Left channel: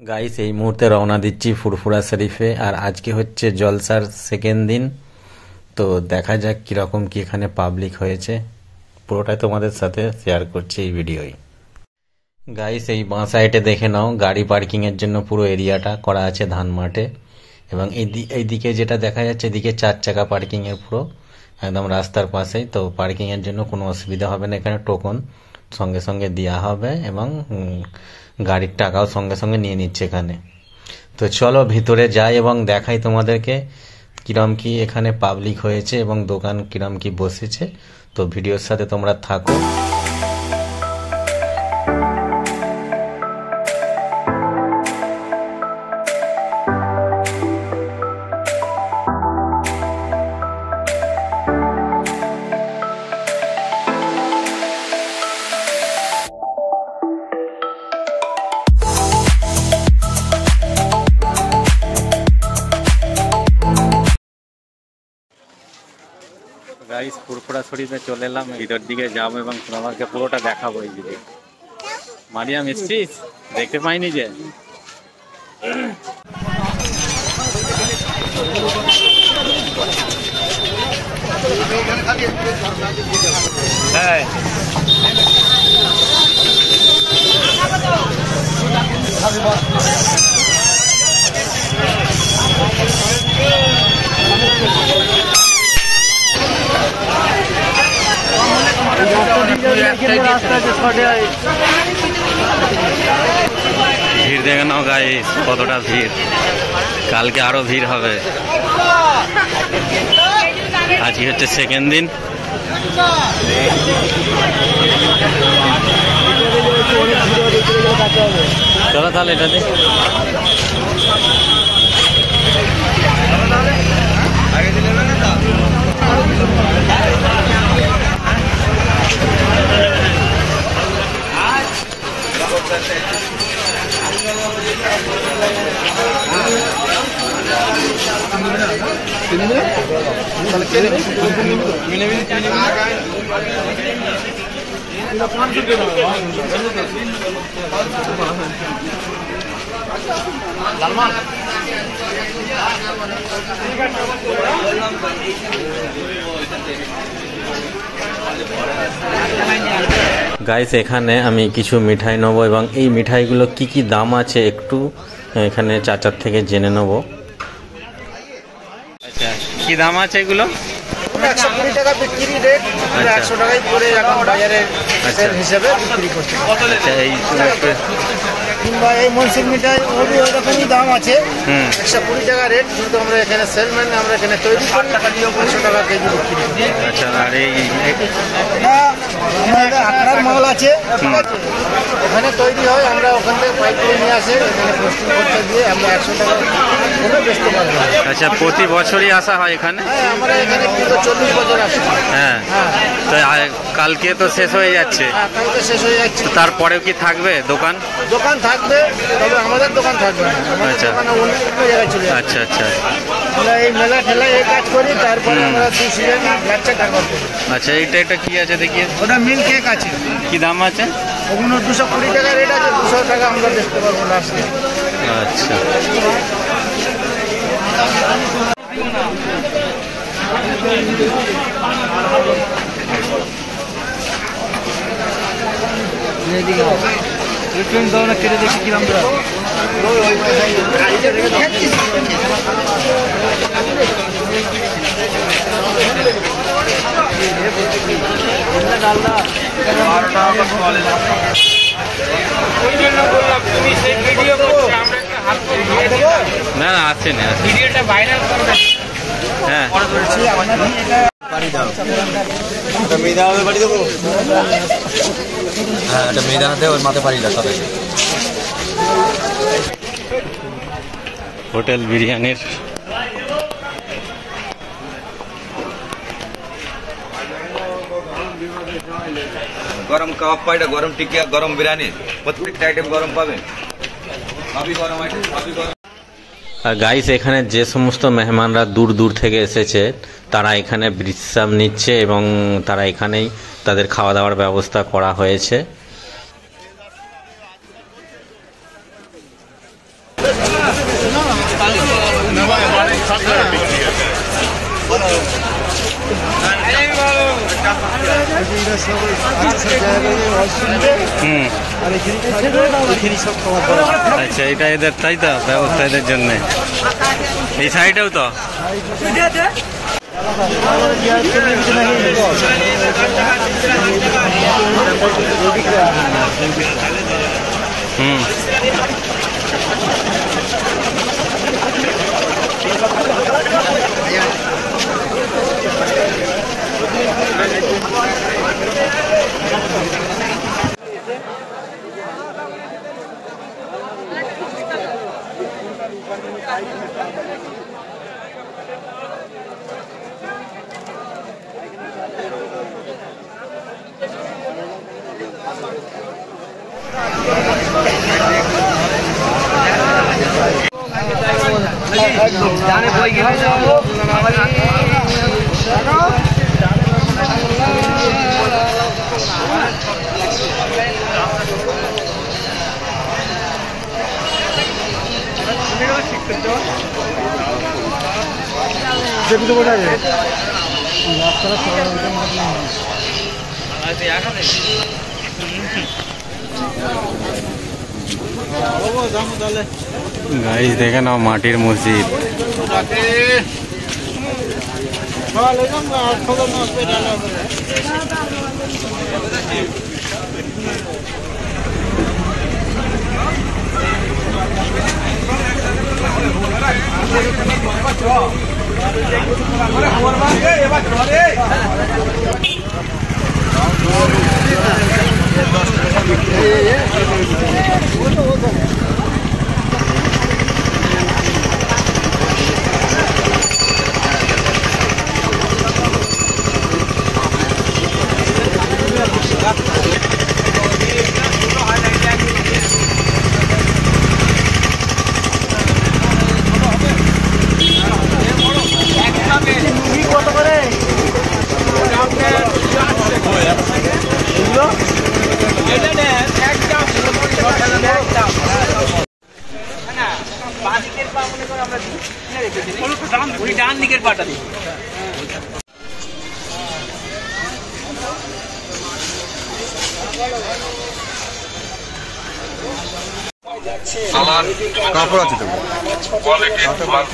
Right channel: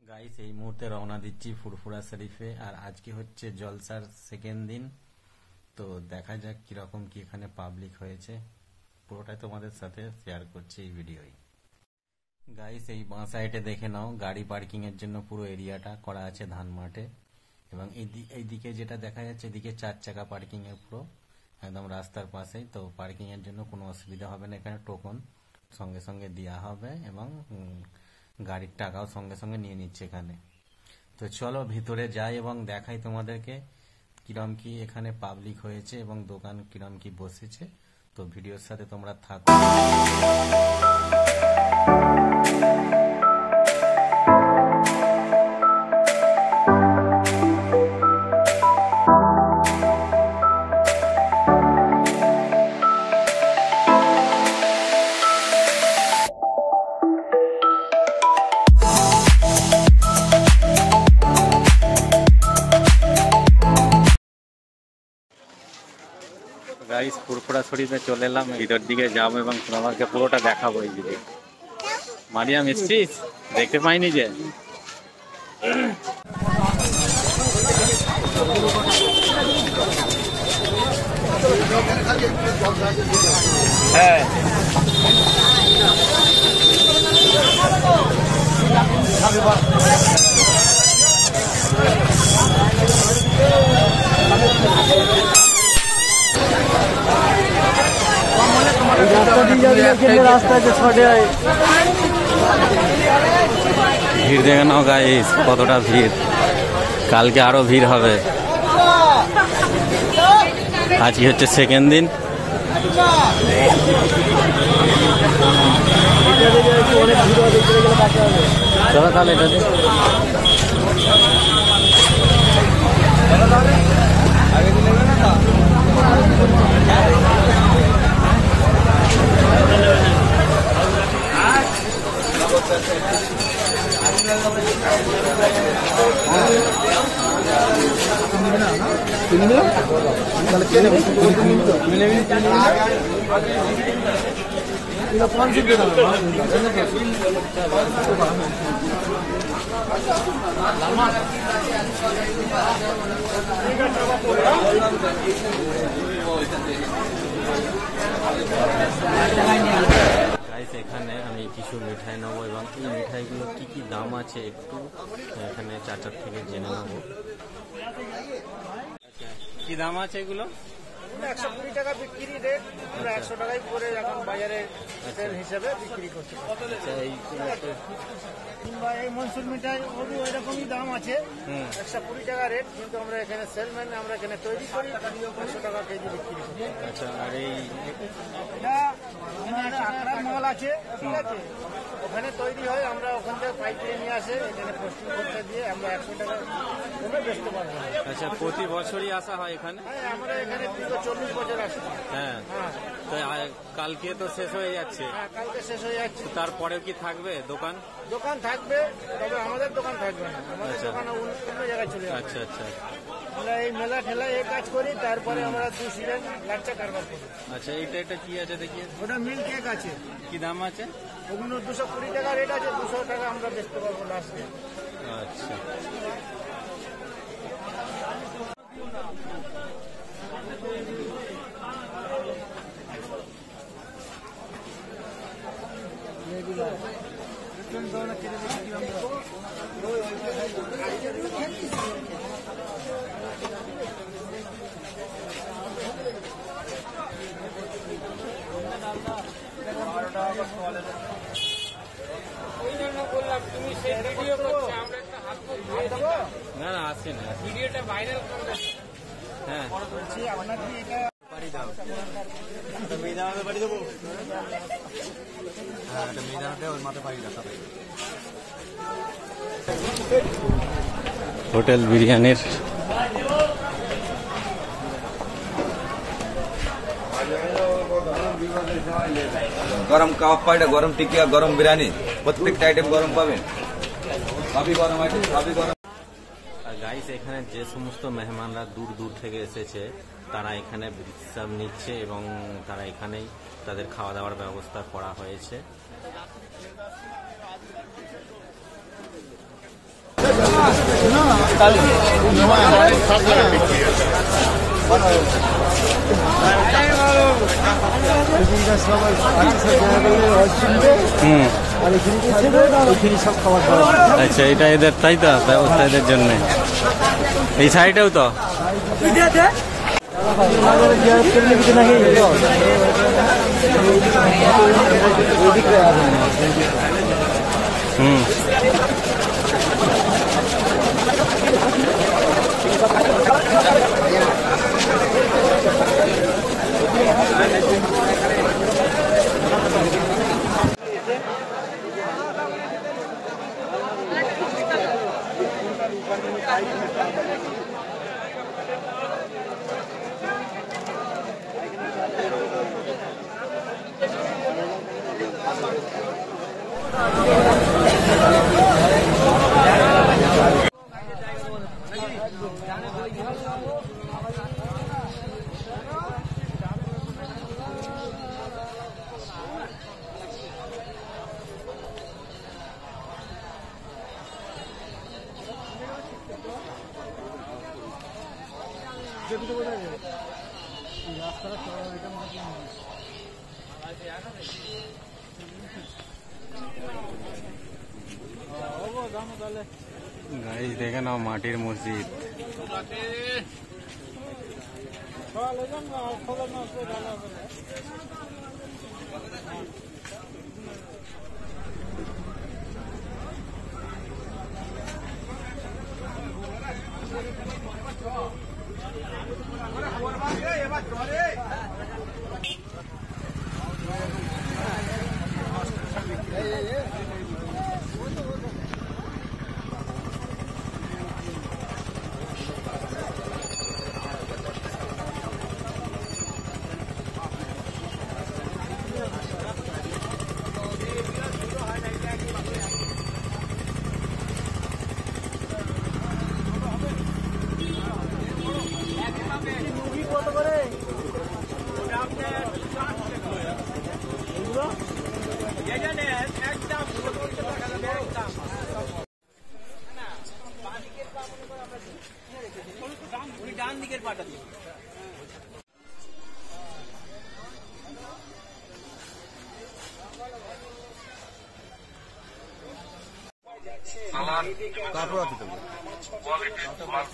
Guys এই মুহূর্তে রওনা দিচ্ছি ফুরফুরা শরীফে। আর আজকে হচ্ছে জলসার সেকেন্ড দিন। তো দেখা যাক কিরকম কি এখানে পাবলিক হয়েছে, পুরোটাই তোমাদের সাথে শেয়ার করছি এই ভিডিওয়। গাইস এই বাঁ সাইডে দেখে নাও, গাড়ি পার্কিং এর জন্য পুরো এরিয়াটা করা আছে ধান মাঠে। এবং এইদিকে যেটা দেখা যাচ্ছে, এদিকে 4 চাকা পার্কিং এর পুরো একদম রাস্তার পাশেই। তো পার্কিং এর জন্য কোনো অসুবিধা হবে না, এখানে টোকন সঙ্গে সঙ্গে দেওয়া হবে এবং গাড়ির টাকাও সঙ্গে সঙ্গে নিয়ে নিচ্ছে এখানে। তো চলো ভিতরে যাই এবং দেখাই তোমাদেরকে কিরম কি এখানে পাবলিক হয়েছে এবং দোকান কিরম কি বসেছে। তো ভিডিওর সাথে তোমরা থাকো। গাইস ফুরফুরা শরীফে চলে এলাম, ভিতর দিকে যাবো এবং তোমাকে পুরোটা দেখাবো। এই দিকে মারিয়াম এসছিস, দেখতে পাইনি যে। হ্যাঁ ভিড় দেখে নাও গাইস, কতটা ভিড়। কালকে আরো ভিড় হবে। আজকে হচ্ছে সেকেন্ড দিন। চলো তাহলে এটাতে গাইস এখানে আমি কিছু মিঠাই নেবো এবং এই মিঠাইগুলো কি কি দাম আছে একটু এখানে চাচার থেকে জেনে নেব। আচ্ছা কি দাম আছে এগুলো? 120 টাকা বিক্রি রেট, 100 টাকাই করে এখন বাজারে সেল হিসেবে বিক্রি করছে। আচ্ছা এই কিংবা এই মনসুর মিঠাই ওই রকমই দাম আছে, 120 টাকা রেট, কিন্তু আমরা এখানে সেলম্যান, আমরা এখানে তৈরি করি 100 টাকা কেজি বিক্রি করি। আচ্ছা আর এই আমাদের আখড়ার মাল আছে, ঠিক আছে, ওখানে তৈরি হয়, আমরা ওখান থেকে পাইকারি নিয়ে আসে, এখানে পোস্টিং করতে দিয়ে আমরা 100 টাকা করে বেচতে পারবো। আচ্ছা প্রতি বছরই আসা হয় এখানে? হ্যাঁ আমরা এখানে কিন্তু 40 বছর আসছি। হ্যাঁ তো কালকে তো শেষ হয়ে যাচ্ছে। হ্যাঁ কালকে শেষ হয়ে যাচ্ছে। তারপরেও কি থাকবে দোকান? দোকান থাকবে, তবে আমাদের দোকান থাকবে না, আমাদের দোকান অন্য জায়গায় চলে যাবে। আচ্ছা আচ্ছা আমরা এই মেলা ঠেলায় এই কাজ করি, তারপরে আমরা 2 সিজন বাচ্চা কারবার করি। আচ্ছা এটা কি আছে দেখি? ওটা মিল কেক আছে। কি দাম আছে? ওগুলো 220 টাকা রেট আছে, 200 টাকা আমরা দেখতে পারবো লাস্টে। আচ্ছা কেটে দেখি কিরম না না আছে না, ভিডিওটা ভাইরাল করবে। হ্যাঁ বাড়ি দাও, এটা মেয়েদা হবে, বাড়ি দেবো। হ্যাঁ এটা মেয়েদা হাতে ওর মাথায় বাড়ি দাও। হোটেল বিরিয়ানির গরম কাবাব পাইটা, গরম টিকিয়া, গরম বিরিয়ানি, প্রত্যেকটা আইটেম গরম পাবেন। সবই গরম আইটেম, সবই গরম। আর গাইস এখানে যে সমস্ত মেহমানরা দূর দূর থেকে এসেছে তারা এখানে বিশ্রাম নিচ্ছে এবং তারা এখানেই তাদের খাওয়া দাওয়ার ব্যবস্থা করা হয়েছে। আচ্ছা, এটা এদের তাই তো ব্যবস্থা এদের জন্য। এই সাইডেও তো গাইস দেখে নাও মাটির মসজিদ।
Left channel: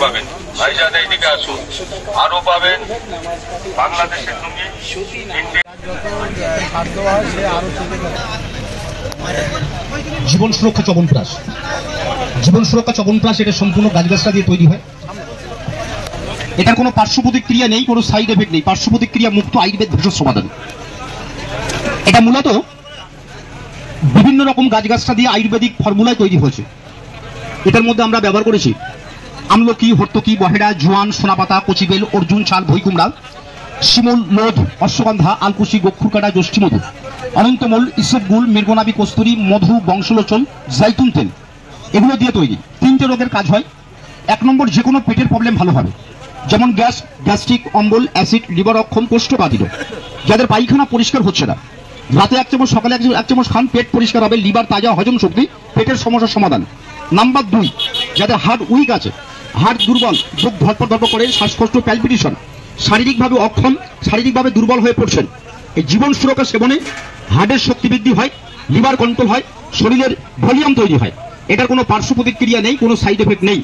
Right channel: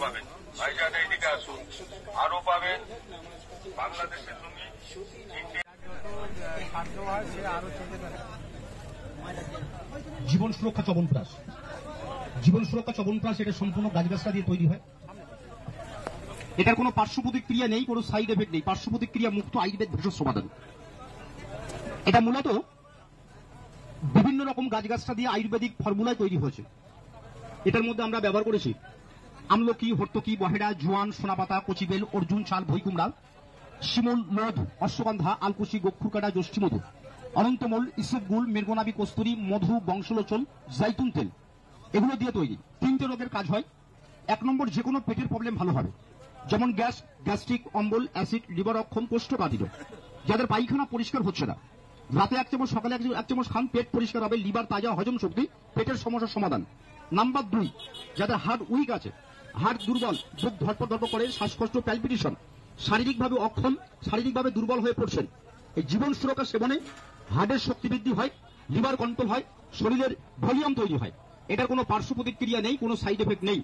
পাবেন ভাইজান, এইদিকে আসুন, আরো পাবেন বাংলাদেশের লুঙ্গি। জীবন সুরক্ষা চবনপ্রাশ, জীবন সুরক্ষা চবনপ্রাশ এটা সম্পূর্ণ গাছগাছরা দিয়ে তৈরি হয়। এটার কোনো পার্শ্ব প্রতিক্রিয়া নেই, কোনো সাইড এফেক্ট নেই, পার্শ্ব প্রতিক্রিয়া মুক্ত আয়ুর্বেদ ভেষজ সমাধান। এটা মূলত বিভিন্ন রকম গাছগাছরা দিয়ে আয়ুর্বেদিক ফর্মুলায় তৈরি হয়েছে। এটার মধ্যে আমরা ব্যবহার করেছি আমলকি, হর্তকি, বহেড়া, জোয়ান, সোনাপাতা, কচিবেল, অর্জুন ছাল, ভইকুমড়া, শিমুল, লোধ, অশ্বগন্ধা, আলকুশি, গক্ষুরকাটা, যষ্টিমধু, অনন্তমূল, ইসবগুল, মৃগনাবি, কস্তুরী, মধু, বংশলোচন, জাইতুন তেল, এগুলো দিয়ে তৈরি। 3টে রোগের কাজ হয়। 1 নম্বর, যে কোনো পেটের প্রবলেম ভালো হবে, যেমন গ্যাস, গ্যাস্ট্রিক, অম্বল, অ্যাসিড, লিভার অক্ষম, কোষ্ঠকাঠিন্য, যাদের পায়খানা পরিষ্কার হচ্ছে না, রাতে 1 চামচ, সকালে 1 চামচ খান, পেট পরিষ্কার হবে, লিভার তাজা, হজম শক্তি, পেটের সমস্যার সমাধান। নাম্বার 2, যাদের হার্ট উইক আছে, হার্ট দুর্বল, বুক ধরপড় ধরপড় করে, শ্বাসকষ্ট, প্যালপিটেশন, শারীরিকভাবে অক্ষম, শারীরিকভাবে দুর্বল হয়ে পড়ছেন, এই জীবন সুরক্ষা সেবনে হার্টের শক্তি বৃদ্ধি হয়, লিভার কন্ট্রোল হয়, শরীরের ভলিউম তৈরি হয়। এটার কোনো পার্শ্ব প্রতিক্রিয়া নেই, কোনো সাইড এফেক্ট নেই।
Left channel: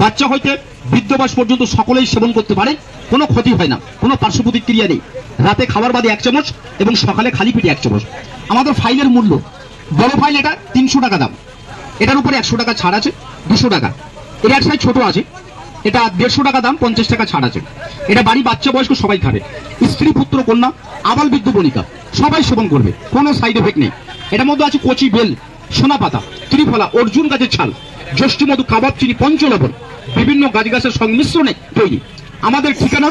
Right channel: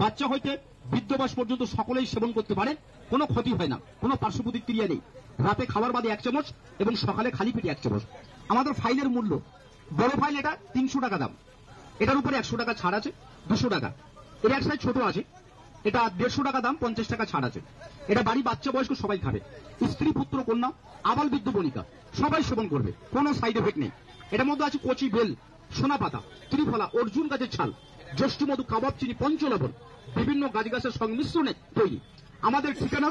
বাচ্চা হইতে বৃদ্ধ বয়স পর্যন্ত সকলেই সেবন করতে পারে, কোনো ক্ষতি হয় না, কোনো পার্শ্ব প্রতিক্রিয়া নেই। রাতে খাবার বাদে 1 চামচ এবং সকালে খালি পেটে 1 চামচ। আমাদের ফাইলের মূল্য, বড় ফাইল এটা 300 টাকা দাম, এটার উপরে 100 টাকা ছাড় আছে, 200 টাকা। এর এক সাইজ ছোট আছে, এটা 150 টাকা দাম, 50 টাকা ছাড় আছে। এটা বাড়ি বাচ্চা বয়স্ক সবাই খাবে, স্ত্রী পুত্র কন্যা আবাল বৃদ্ধ বনিতা সবাই সেবন করবে, কোনো সাইড এফেক্ট নেই। এটার মধ্যে আছে কচি বেল, সোনাপাতা, ত্রিফলা, অর্জুন গাছের ছাল, যষ্টি মধু, কাবাব চিনি, পঞ্চলবণ, বিভিন্ন গাছগাছের সংমিশ্রণে তৈরি। আমাদের ঠিকানা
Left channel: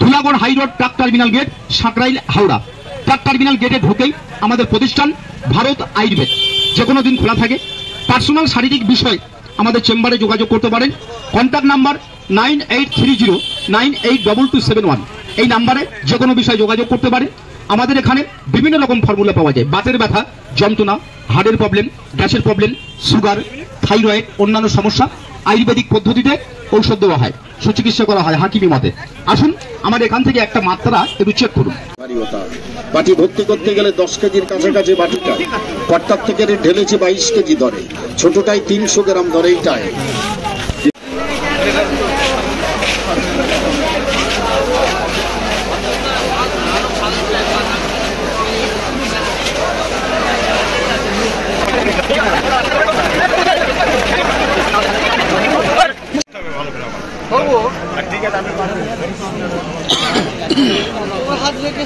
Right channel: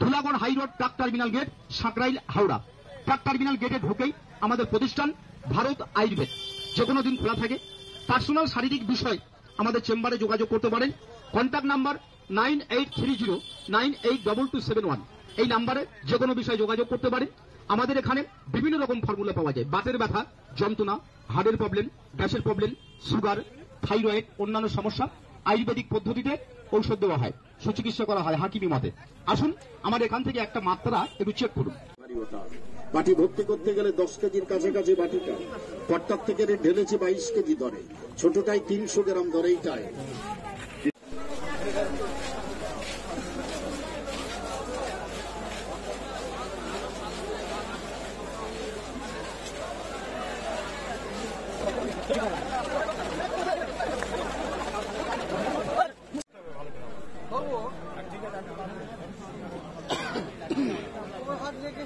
Dhulagarh high road, truck terminal gate, Sankrail, Howrah. Truck terminal গেটে ঢুকেই আমাদের প্রতিষ্ঠান ভারত আয়ুর্বেদ, যে কোনো দিন খোলা থাকে। পার্সোনাল শারীরিক বিষয় আমাদের চেম্বারে যোগাযোগ করতে পারেন। কন্ট্যাক্ট নাম্বার 9830982271, এই নাম্বারে যে কোনো বিষয়ে যোগাযোগ করতে পারেন। আমাদের এখানে বিভিন্ন রকম ফর্মুলা পাওয়া যায়, বাতের ব্যথা, যন্ত্রণা, হার্টের প্রবলেম, গ্যাসের প্রবলেম, সুগার, থাইরয়েড, অন্যান্য সমস্যা আয়ুর্বেদিক পদ্ধতিতে ঔষধ দেওয়া হয়, সুচিকিৎসা করা হয় হাকিমি মতে। আসুন আমার এখান থেকে একটা মাত্রা একটু চেক করুন। বাটি ভর্তি করতে গেলে 10 কেজির কাছাকাছি বাটিটা, কর্তার থেকে ঢেলেছে 22 কেজি ধরে, ছোটটাই 300 গ্রাম ধরে এইটায়। হাত রেখে